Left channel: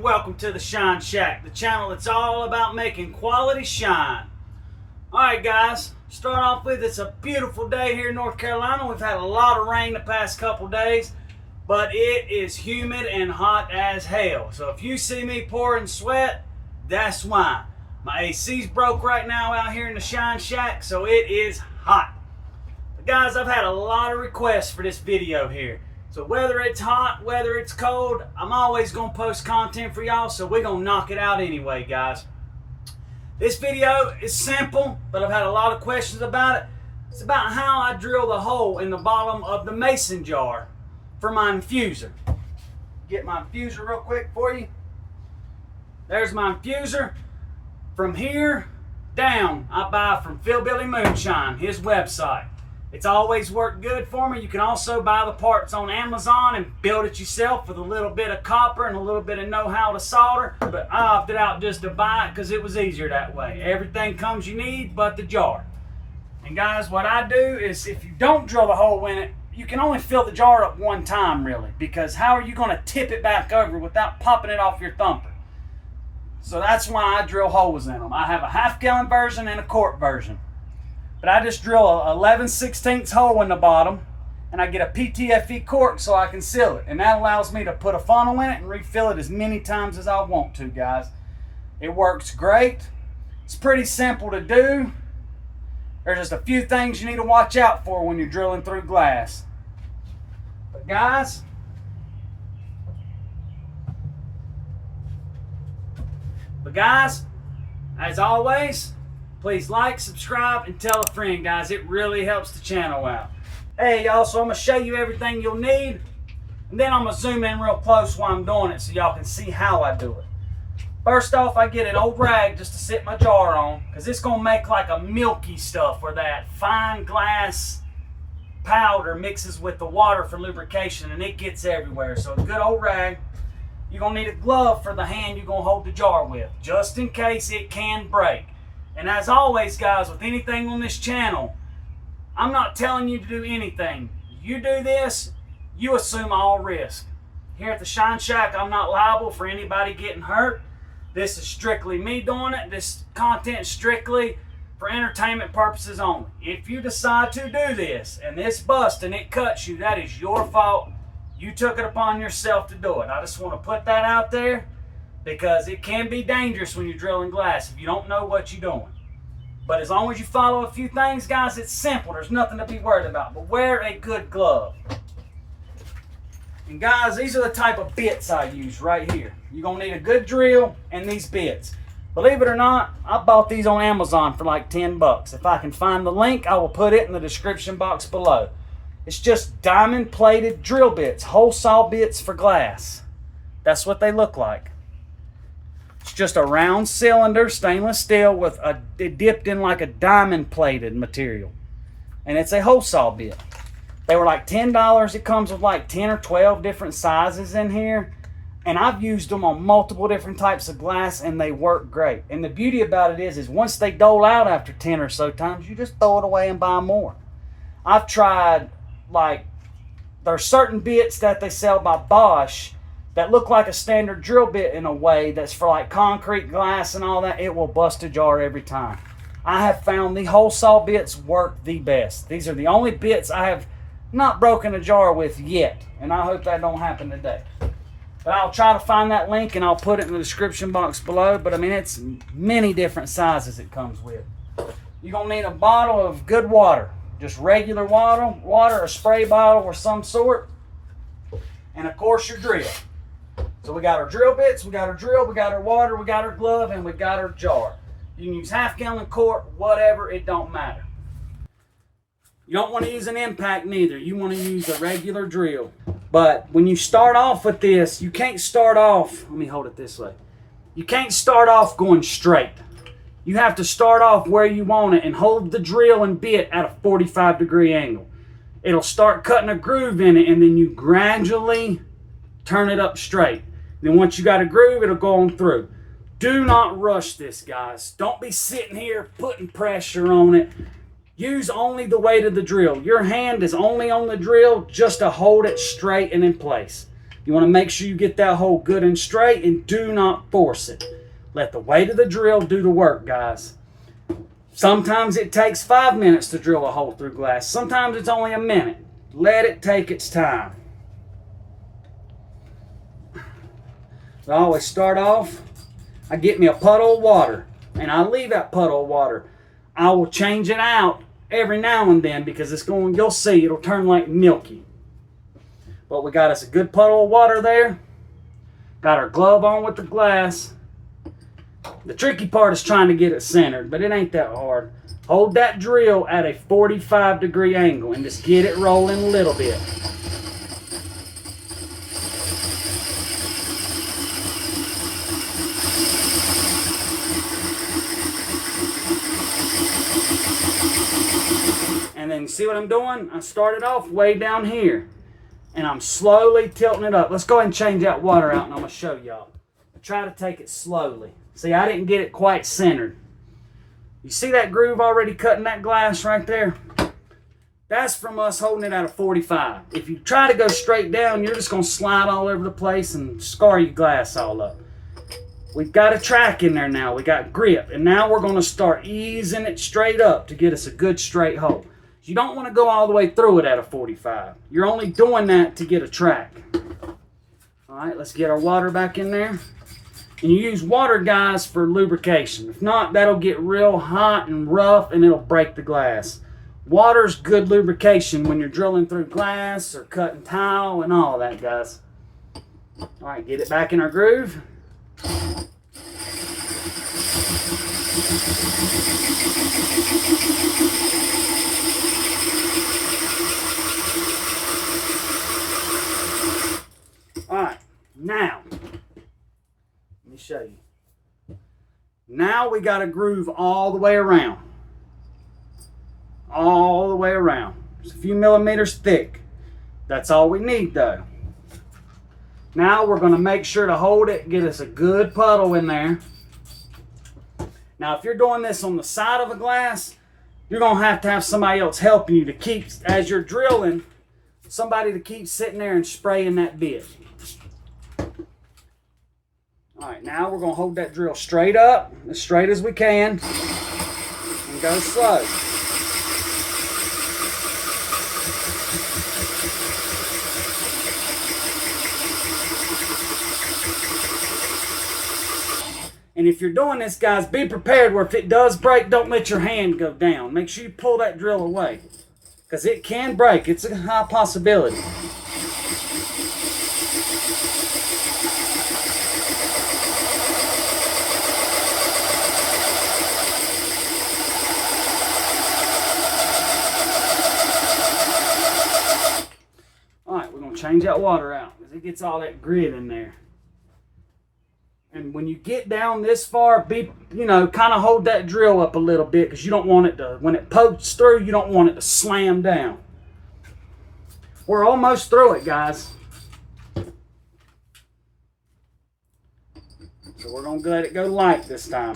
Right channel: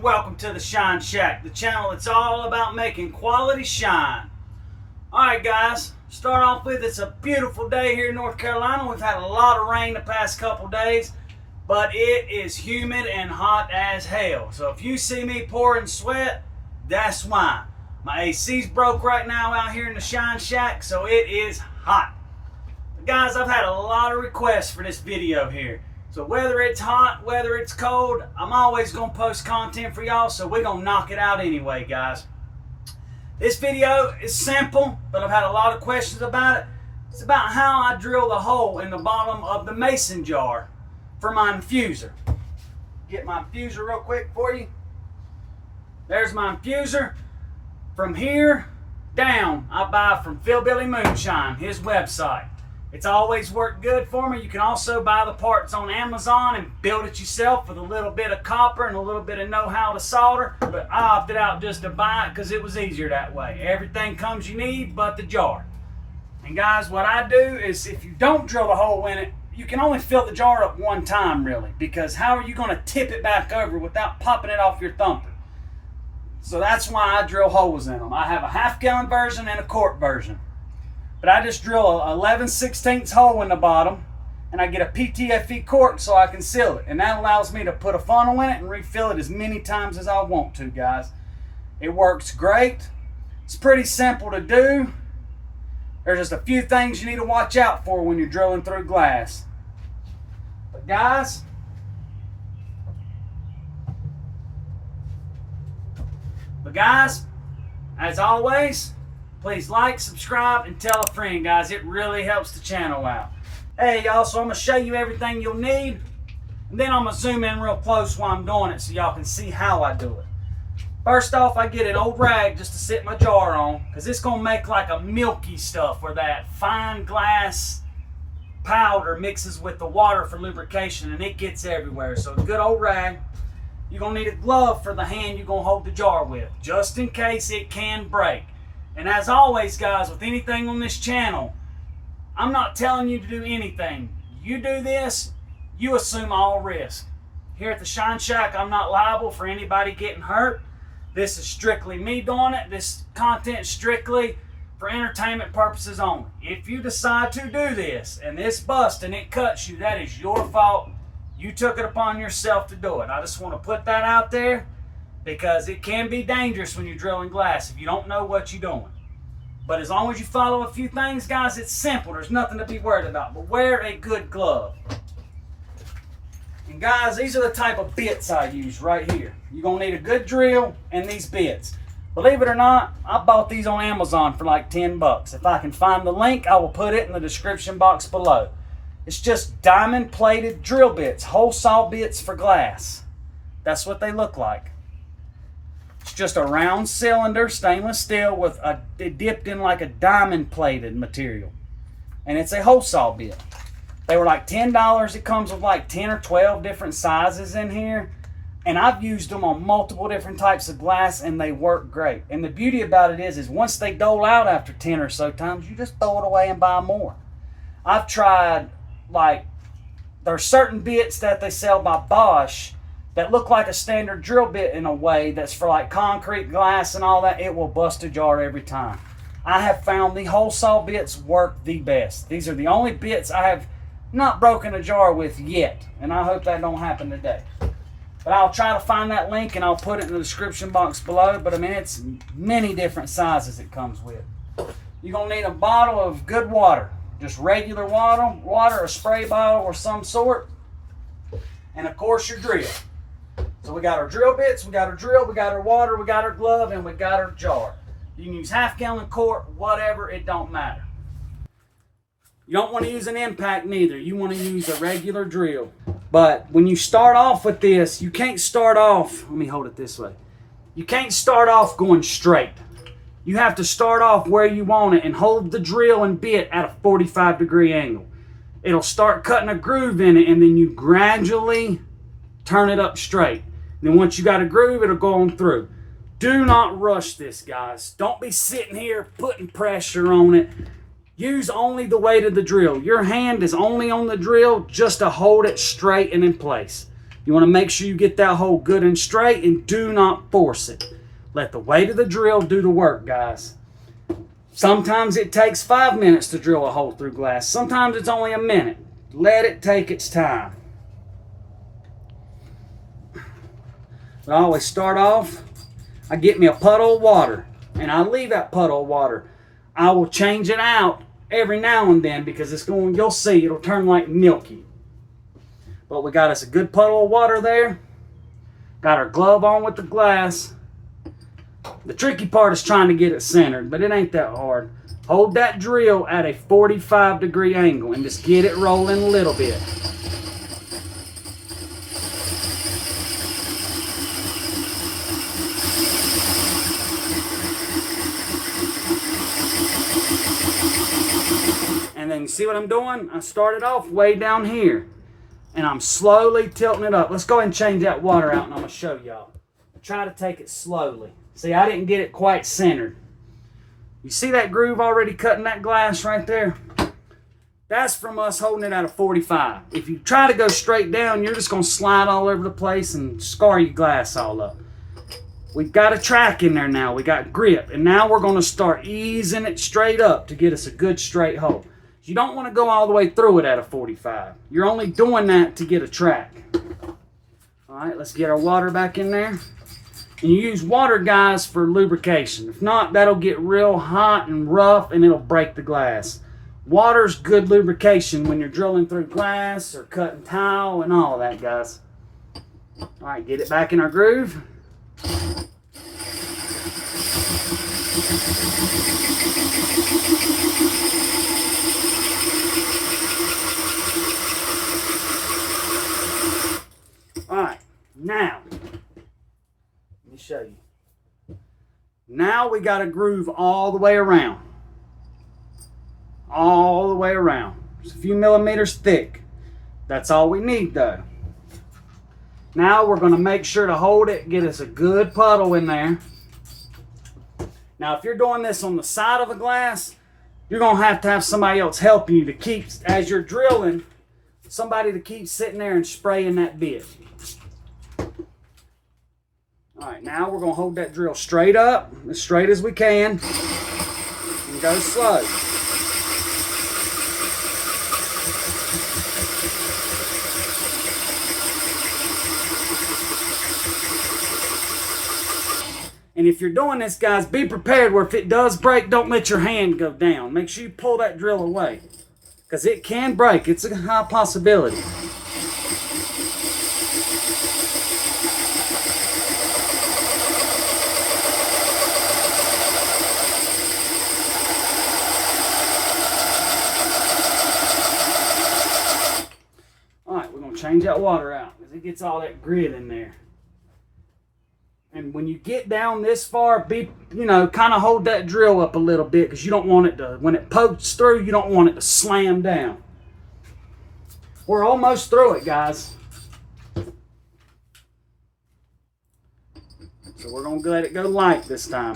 and welcome to the Shine Shack, the channel that's all about making quality shine. Alright guys, start off with, it's a beautiful day here in North Carolina. We've had a lot of rain the past couple days, but it is humid and hot as hell. So if you see me pouring sweat, that's why. My AC's broke right now out here in the Shine Shack, so it is hot. But guys, I've had a lot of requests for this video here. So whether it's hot, whether it's cold, I'm always going to post content for y'all, so we're going to knock it out anyway, guys. This video is simple, but I've had a lot of questions about it. It's about how I drill the hole in the bottom of the mason jar for my infuser. Get my infuser real quick for you. There's my infuser. From here down, I buy from Philbilly Moonshine, his website. It's always worked good for me. You can also buy the parts on Amazon and build it yourself with a little bit of copper and a little bit of know-how to solder. But I opted out just to buy it because it was easier that way. Everything comes you need but the jar. And guys, what I do is if you don't drill the hole in it, you can only fill the jar up one time really, because how are you going to tip it back over without popping it off your thumper? So that's why I drill holes in them. I have a half-gallon version and a quart version. But I just drill a 11/16 hole in the bottom, and I get a PTFE cork so I can seal it. And that allows me to put a funnel in it and refill it as many times as I want to, guys. It works great. It's pretty simple to do. There's just a few things you need to watch out for when you're drilling through glass. But guys, as always, please like, subscribe, and tell a friend, guys. It really helps the channel out. Hey, y'all, so I'm going to show you everything you'll need, and then I'm going to zoom in real close while I'm doing it so y'all can see how I do it. First off, I get an old rag just to sit my jar on, because it's going to make like a milky stuff where that fine glass powder mixes with the water for lubrication, and it gets everywhere. So a good old rag. You're going to need a glove for the hand you're going to hold the jar with, just in case it can break. And as always, guys, with anything on this channel, I'm not telling you to do anything. You do this, you assume all risk. Here at the Shine Shack, I'm not liable for anybody getting hurt. This is strictly me doing it. This content is strictly for entertainment purposes only. If you decide to do this and this busts and it cuts you, that is your fault. You took it upon yourself to do it. I just want to put that out there, because it can be dangerous when you're drilling glass if you don't know what you're doing. But as long as you follow a few things, guys, it's simple. There's nothing to be worried about. But wear a good glove. And guys, these are the type of bits I use right here. You're going to need a good drill and these bits. Believe it or not, I bought these on Amazon for like 10 bucks. If I can find the link, I will put it in the description box below. It's just diamond plated drill bits, hole saw bits for glass. That's what they look like. It's just a round cylinder, stainless steel, with it dipped in like a diamond plated material. And it's a hole saw bit. They were like $10. It comes with like 10 or 12 different sizes in here. And I've used them on multiple different types of glass, and they work great. And the beauty about it is once they dole out after 10 or so times, you just throw it away and buy more. I've tried, like, there's certain bits that they sell by Bosch that look like a standard drill bit in a way that's for like concrete, glass, and all that. It will bust a jar every time. I have found the hole saw bits work the best. These are the only bits I have not broken a jar with yet, and I hope that don't happen today. But I'll try to find that link and I'll put it in the description box below. But I mean, it's many different sizes it comes with. You're going to need a bottle of good water, just regular water, a spray bottle or some sort, and of course your drill. So we got our drill bits, we got our drill, we got our water, we got our glove, and we got our jar. You can use half-gallon, quart, whatever, it don't matter. You don't want to use an impact neither. You want to use a regular drill. But when you start off with this, you can't start off, let me hold it this way. You can't start off going straight. You have to start off where you want it and hold the drill and bit at a 45-degree angle. It'll start cutting a groove in it, and then you gradually turn it up straight. Then once you got a groove, it'll go on through. Do not rush this, guys. Don't be sitting here putting pressure on it. Use only the weight of the drill. Your hand is only on the drill just to hold it straight and in place. You want to make sure you get that hole good and straight, and do not force it. Let the weight of the drill do the work, guys. Sometimes it takes 5 minutes to drill a hole through glass. Sometimes it's only a minute. Let it take its time. I always start off, I get me a puddle of water, and I leave that puddle of water. I will change it out every now and then because it's going, you'll see, it'll turn like milky. But we got us a good puddle of water there. Got our glove on with the glass. The tricky part is trying to get it centered, but it ain't that hard. Hold that drill at a 45-degree angle and just get it rolling a little bit. And then see what I'm doing? I started off way down here, and I'm slowly tilting it up. Let's go ahead and change that water out, and I'm going to show y'all. Try to take it slowly. See, I didn't get it quite centered. You see that groove already cutting that glass right there? That's from us holding it at a 45. If you try to go straight down, you're just going to slide all over the place and scar your glass all up. We've got a track in there now. We got grip. And now we're going to start easing it straight up to get us a good straight hole. You don't want to go all the way through it at a 45. You're only doing that to get a track. All right, let's get our water back in there. And you use water, guys, for lubrication. If not, that'll get real hot and rough and it'll break the glass. Water's good lubrication when you're drilling through glass or cutting tile and all that, guys. All right, get it back in our groove. All right, now, let me show you. Now we got a groove all the way around. All the way around. It's a few millimeters thick. That's all we need though. Now we're going to make sure to hold it, get us a good puddle in there. Now if you're doing this on the side of the glass, you're going to have somebody else help you to keep, as you're drilling, somebody to keep sitting there and spraying that bit. Alright, now we're going to hold that drill straight up, as straight as we can, and go slow. And if you're doing this, guys, be prepared where if it does break, don't let your hand go down. Make sure you pull that drill away, because it can break. It's a high possibility. Alright, we're going to change that water out because it gets all that grit in there. And when you get down this far, kind of hold that drill up a little bit because you don't want it to, when it pokes through, you don't want it to slam down. We're almost through it, guys. So we're going to let it go light this time.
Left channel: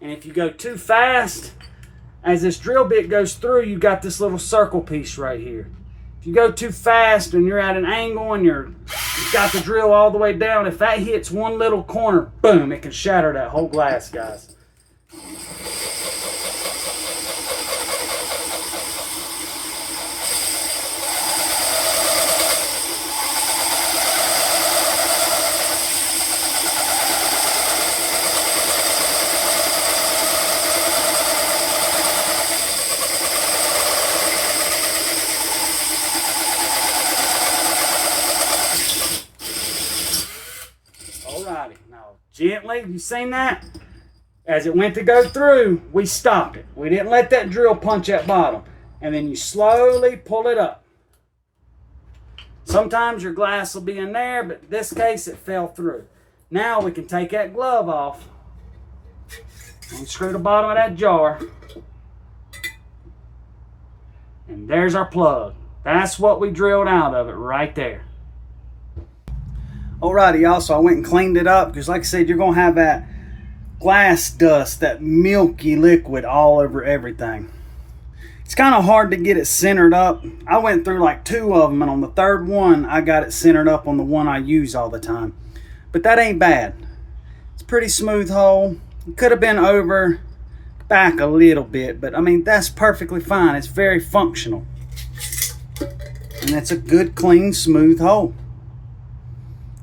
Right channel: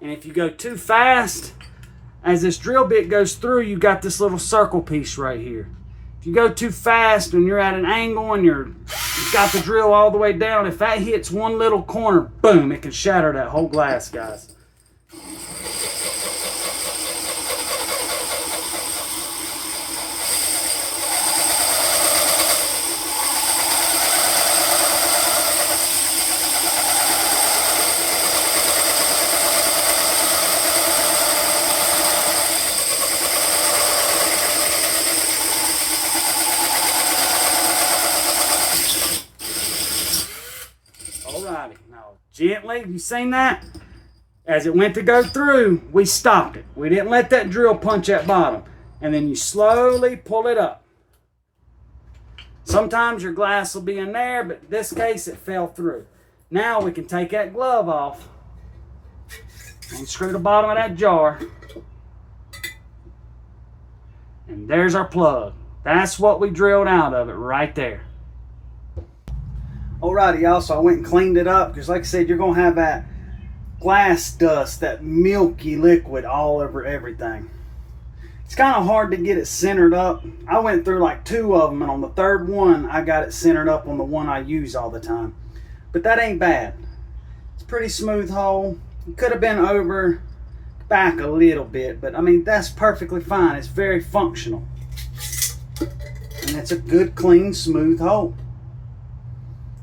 And if you go too fast, as this drill bit goes through, you got this little circle piece right here. If you go too fast and you're at an angle and you've got the drill all the way down, if that hits one little corner, boom, it can shatter that whole glass, guys. Alrighty, now Gently, you seen that? As it went to go through, we stopped it. We didn't let that drill punch that bottom. And then you slowly pull it up. Sometimes your glass will be in there, but in this case it fell through. Now we can take that glove off and screw the bottom of that jar. And there's our plug. That's what we drilled out of it right there. Alrighty, y'all, so I went and cleaned it up because like I said, you're going to have that glass dust, that milky liquid all over everything. It's kind of hard to get it centered up. I went through like 2 of them, and on the 3rd one, I got it centered up on the one I use all the time. But that ain't bad. It's a pretty smooth hole. It could have been over back a little bit, but I mean, that's perfectly fine. It's very functional. And that's a good, clean, smooth hole.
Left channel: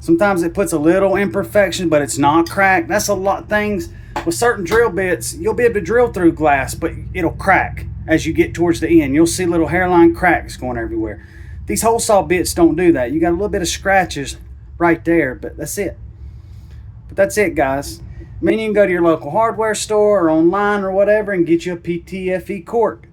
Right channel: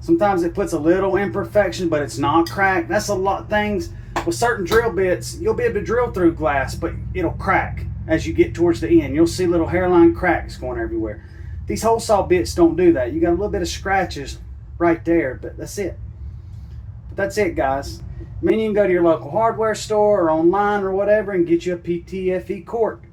Sometimes it puts a little imperfection, but it's not cracked. That's a lot of things. With certain drill bits, you'll be able to drill through glass, but it'll crack as you get towards the end. You'll see little hairline cracks going everywhere. These hole saw bits don't do that. You got a little bit of scratches right there, but that's it. But that's it, guys. I mean, you can go to your local hardware store or online or whatever and get you a PTFE cork.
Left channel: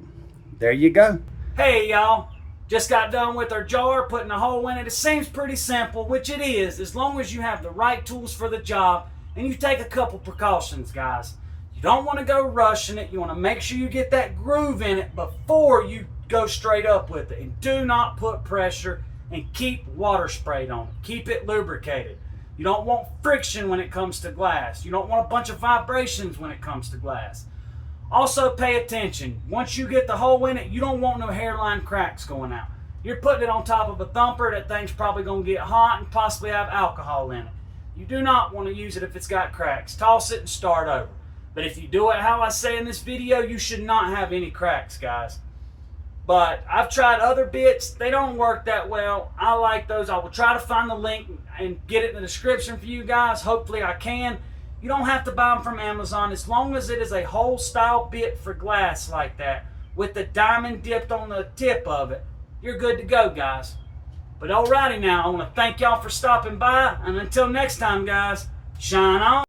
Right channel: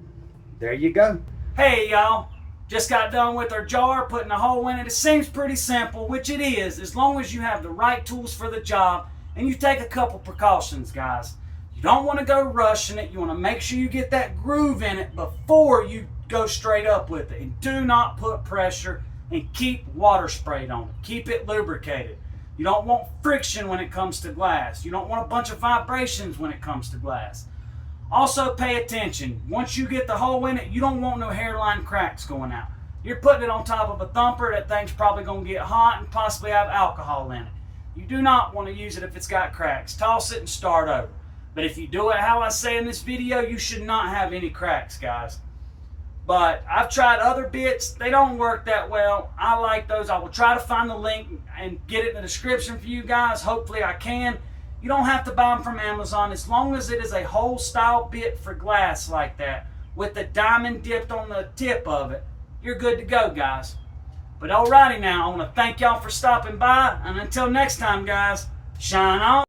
There you go. Hey, y'all. Just got done with our jar, putting a hole in it. It seems pretty simple, which it is, as long as you have the right tools for the job and you take a couple precautions, guys. You don't want to go rushing it. You want to make sure you get that groove in it before you go straight up with it. And do not put pressure, and keep water sprayed on it. Keep it lubricated. You don't want friction when it comes to glass. You don't want a bunch of vibrations when it comes to glass. Also, pay attention. Once you get the hole in it, you don't want no hairline cracks going out. You're putting it on top of a thumper. That thing's probably going to get hot and possibly have alcohol in it. You do not want to use it if it's got cracks. Toss it and start over. But if you do it how I say in this video, you should not have any cracks, guys. But I've tried other bits. They don't work that well. I like those. I will try to find the link and get it in the description for you guys. Hopefully I can. You don't have to buy them from Amazon as long as it is a hole style bit for glass like that with the diamond dipped on the tip of it. You're good to go, guys. But alrighty now, I want to thank y'all for stopping by, and until next time, guys, shine on.